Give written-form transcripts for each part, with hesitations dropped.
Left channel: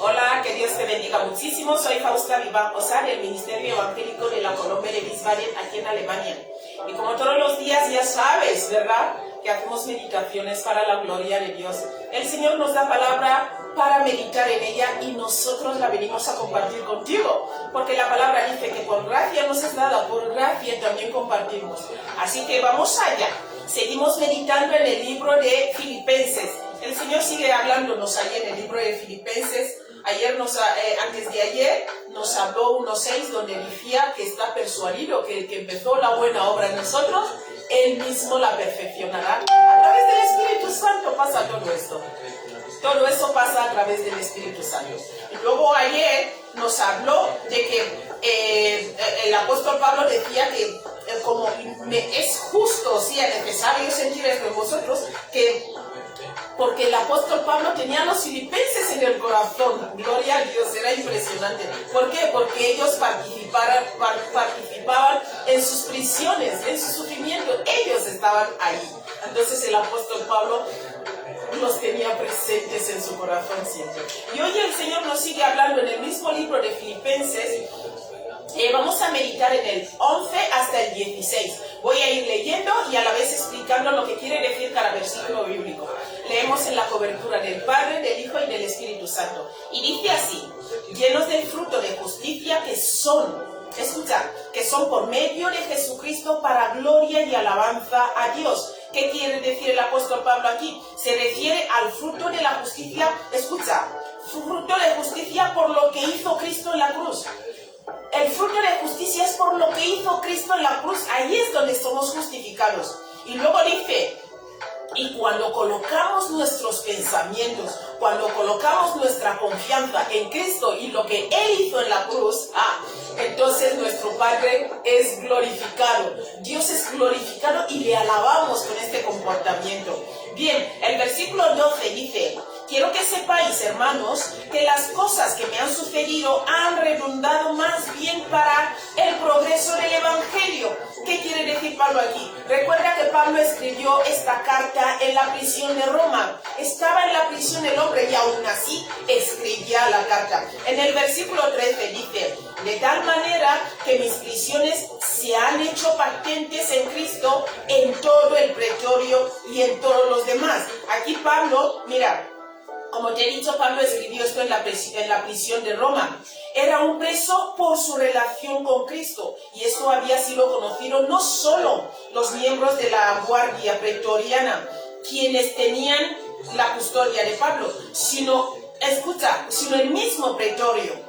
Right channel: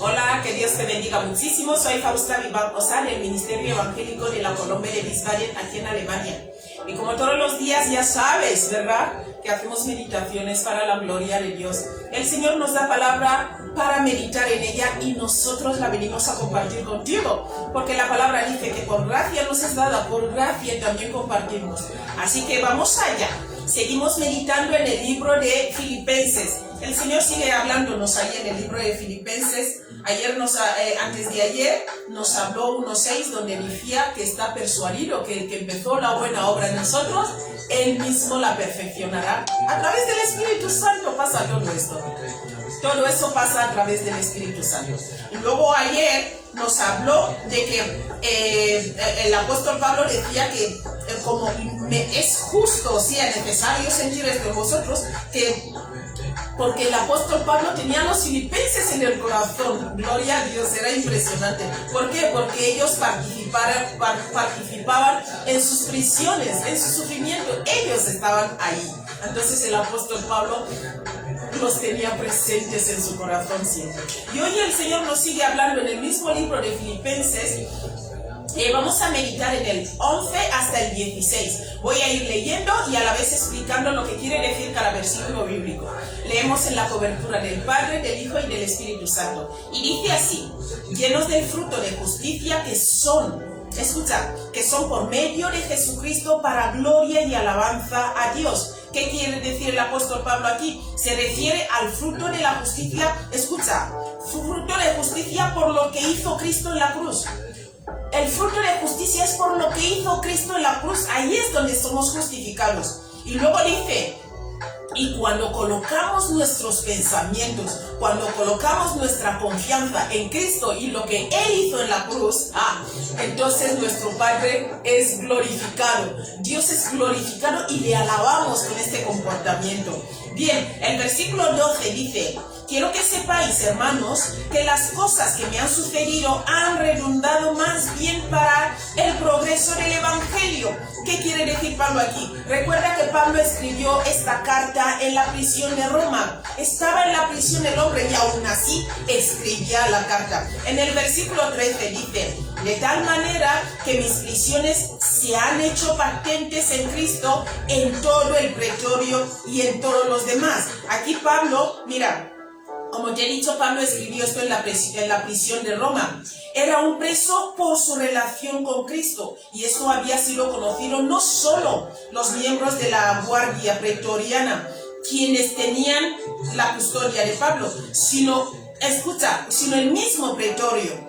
Hola, que Dios te bendiga muchísimo. Soy Fausta Vivar-Posar del Ministerio Evangélico de la Colombia de Wiesbaden, aquí en Alemania. Y como todos los días ya sabes, ¿verdad?, que hacemos meditaciones para la gloria de Dios. El Señor nos da palabra para meditar en ella y nosotros la venimos a compartir contigo. Porque la palabra dice que por gracia nos es dada, por gracia también compartimos. Así que vamos allá. Seguimos meditando en el libro de Filipenses. El Señor sigue hablándonos ahí en el libro de Filipenses. Antes de ayer nos habló 1:6, donde decía que está persuadido que el que empezó la buena obra en nosotros, Él mismo la perfeccionará. A través del Espíritu Santo pasa todo esto. Todo eso pasa a través del Espíritu Santo. Y luego ayer nos habló de que el apóstol Pablo decía que como es justo, si es necesario sentir esto en vosotros, porque el apóstol Pablo tenía a los filipenses en el corazón. Gloria a Dios, era impresionante. ¿Por qué? Porque ellos participaban en sus prisiones, en su sufrimiento. Ellos estaban ahí. Entonces el apóstol Pablo los tenía presentes en su corazón siempre. Y hoy el Señor nos sigue hablando en el mismo libro de Filipenses. Vamos a meditar en el 11 hasta el 16. Voy a ir leyendo y a la vez explicando lo que quiere decir cada versículo bíblico. Leemos en la cobertura del Padre, del Hijo y del Espíritu Santo. Y dice así: llenos del fruto de justicia que son por medio de Jesucristo para gloria y alabanza a Dios. ¿Qué quiere decir el apóstol Pablo aquí? Se refiere al fruto de la justicia, fruto de justicia por lo que hizo Cristo en la cruz. El fruto de justicia es por lo que hizo Cristo en la cruz. Ahí es donde somos justificados. Y luego dice: y cuando colocamos nuestros pensamientos, cuando colocamos nuestra confianza en Cristo y lo que Él hizo en la cruz, entonces nuestro Padre es glorificado. Dios es glorificado y le alabamos con este comportamiento. Bien, el versículo 12 dice: quiero que sepáis, hermanos, que las cosas que me han sucedido han redundado más bien para el progreso del Evangelio. ¿Qué quiere decir Pablo aquí? Recuerda que Pablo escribió esta carta en la prisión de Roma. Estaba en la prisión el hombre y aún así escribía la carta. En el versículo 13 dice: de tal manera que mis prisiones se han hecho patentes en Cristo en todo el pretorio y en todos los demás. Aquí Pablo, mira, como te he dicho, Pablo escribió esto en la prisión de Roma. Era un preso por su relación con Cristo. Y esto había sido conocido no solo los miembros de la guardia pretoriana, quienes tenían la custodia de Pablo, sino el mismo pretorio.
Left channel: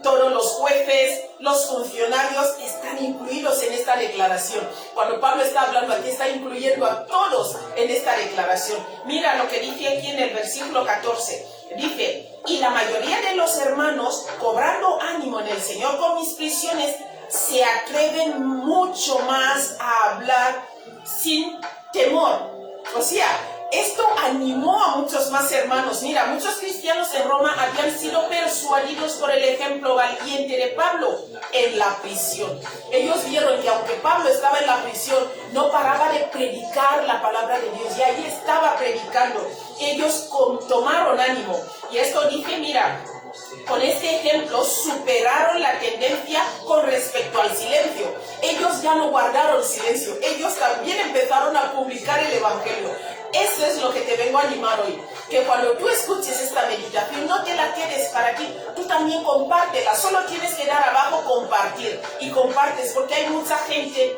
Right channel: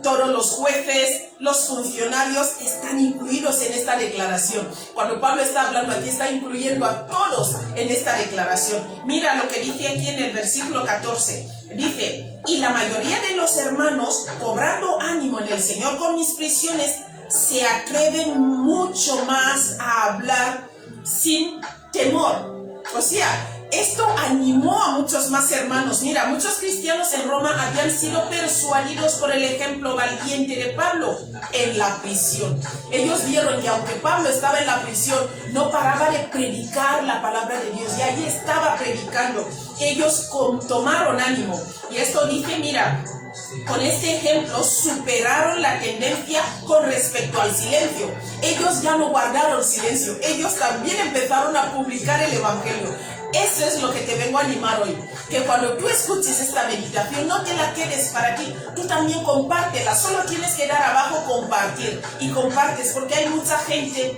Todos los jueces, los funcionarios están incluidos en esta declaración. Cuando Pablo está hablando aquí, está incluyendo a todos en esta declaración. Mira lo que dice aquí en el versículo 14. Dice: y la mayoría de los hermanos, cobrando ánimo en el Señor con mis prisiones, se atreven mucho más a hablar sin temor. O sea, esto animó a muchos más hermanos. Mira, muchos cristianos en Roma habían sido persuadidos por el ejemplo valiente de Pablo en la prisión. Ellos vieron que aunque Pablo estaba en la prisión, no paraba de predicar la palabra de Dios. Y allí estaba predicando. Ellos tomaron ánimo. Y esto dice, mira, con este ejemplo superaron la tendencia con respecto al silencio. Ellos ya no guardaron silencio. Ellos también empezaron a publicar el Evangelio. Eso es lo que te vengo a animar hoy. Que cuando tú escuches esta meditación, no te la quedes para ti. Tú también compártela. Solo tienes que dar abajo compartir. Y compartes porque hay mucha gente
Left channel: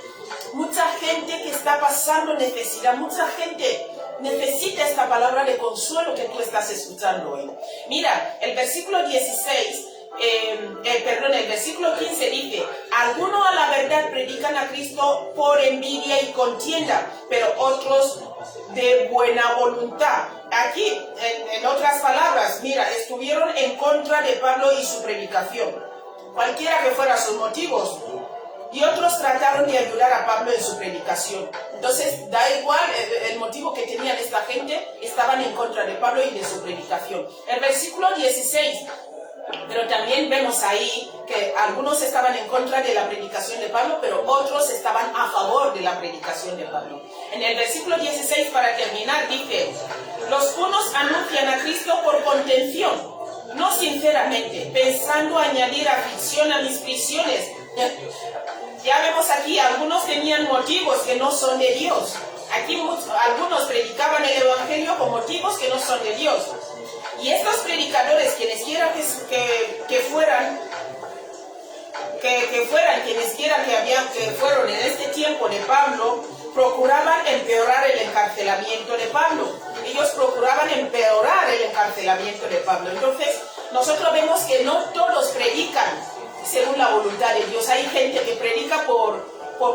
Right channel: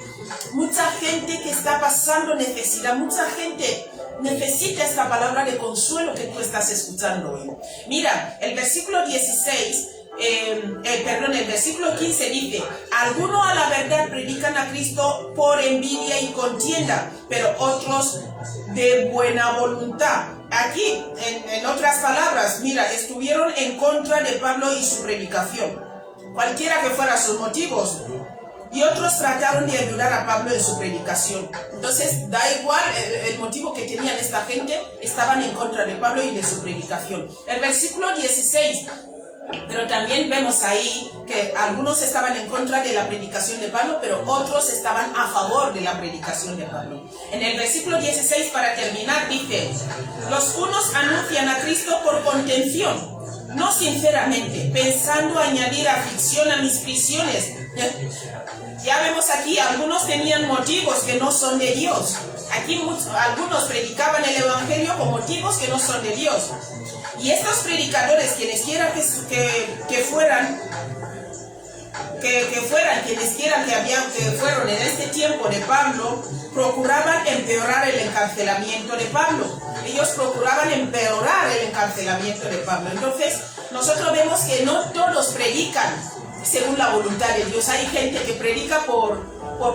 que está pasando necesidad. Mucha gente necesita esta palabra de consuelo que tú estás escuchando hoy. Mira, el versículo 16... el versículo 15 dice: algunos a la verdad predican a Cristo por envidia y contienda, pero otros de buena voluntad. Aquí, en otras palabras, mira, estuvieron en contra de Pablo y su predicación, cualquiera que fueran sus motivos. Y otros trataron de ayudar a Pablo en su predicación. Entonces, da igual el motivo que tenían esta gente, estaban en contra de Pablo y de su predicación. El versículo 16 Pero también vemos ahí que algunos estaban en contra de la predicación de Pablo, pero otros estaban a favor de la predicación de Pablo. En el versículo 16, para terminar, dice: los unos anuncian a Cristo por contención, no sinceramente, pensando añadir aflicción a mis prisiones. Ya vemos aquí, algunos tenían motivos que no son de Dios. Aquí algunos predicaban el evangelio con motivos que no son de Dios. Y estos predicadores, quienes quiera que fueran que fueron en este tiempo de Pablo, procuraban empeorar el encarcelamiento de Pablo. Ellos procuraban empeorar el encarcelamiento de Pablo. Entonces, nosotros vemos que no todos predican según la voluntad de Dios. Hay gente que predica por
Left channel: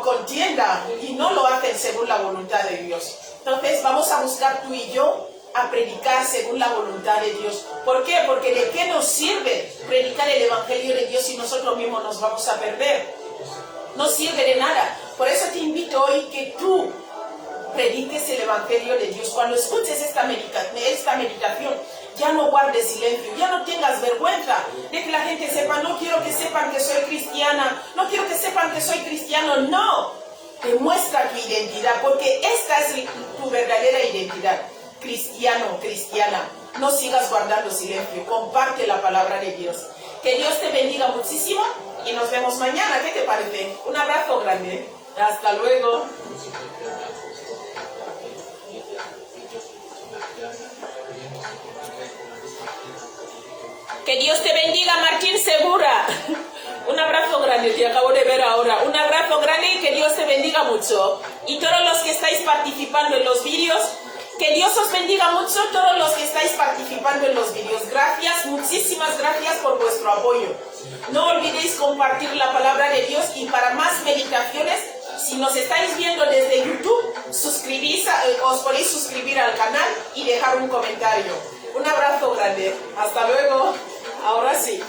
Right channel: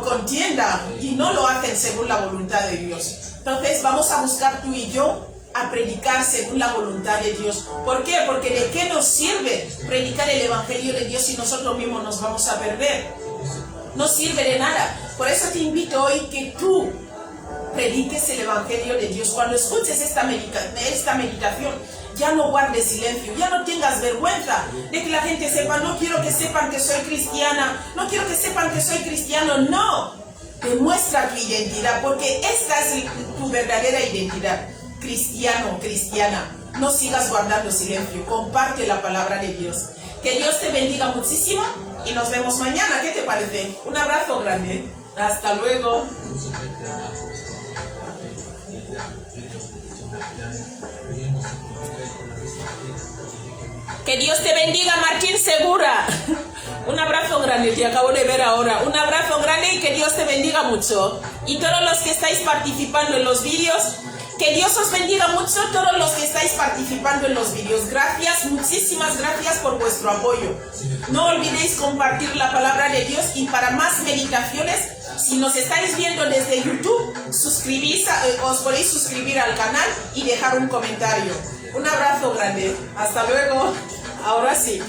contienda y no lo hacen según la voluntad de Dios. Entonces, vamos a buscar tú y yo a predicar según la voluntad de Dios. ¿Por qué? Porque ¿de qué nos sirve predicar el evangelio de Dios si nosotros mismos nos vamos a perder? No sirve de nada. Por eso te invito hoy que tú prediques el evangelio de Dios. Cuando escuches esta meditación, ya no guardes silencio, ya no tengas vergüenza de que la gente sepa. No quiero que sepan que soy cristiana, no quiero que sepan que soy cristiano. No, demuestra tu identidad, porque esta es tu verdadera identidad. Cristiano, cristiana, no sigas guardando silencio, comparte la palabra de Dios. Que Dios te bendiga muchísimo y nos vemos mañana. ¿Qué te parece? Un abrazo grande. Hasta luego. Que Dios te bendiga, Martín Segura. Un abrazo grande, te acabo de ver ahora. Un abrazo grande y que Dios te bendiga mucho. Y todos los que estáis participando en los vídeos, que Dios os bendiga mucho, todos los que estáis participando en los vídeos. Gracias, muchísimas gracias por vuestro apoyo. No olvidéis compartir la palabra de Dios, y para más meditaciones, si nos estáis viendo desde YouTube, os podéis suscribir al canal y dejar un comentario. Un abrazo grande. Hasta luego. Ahora sí.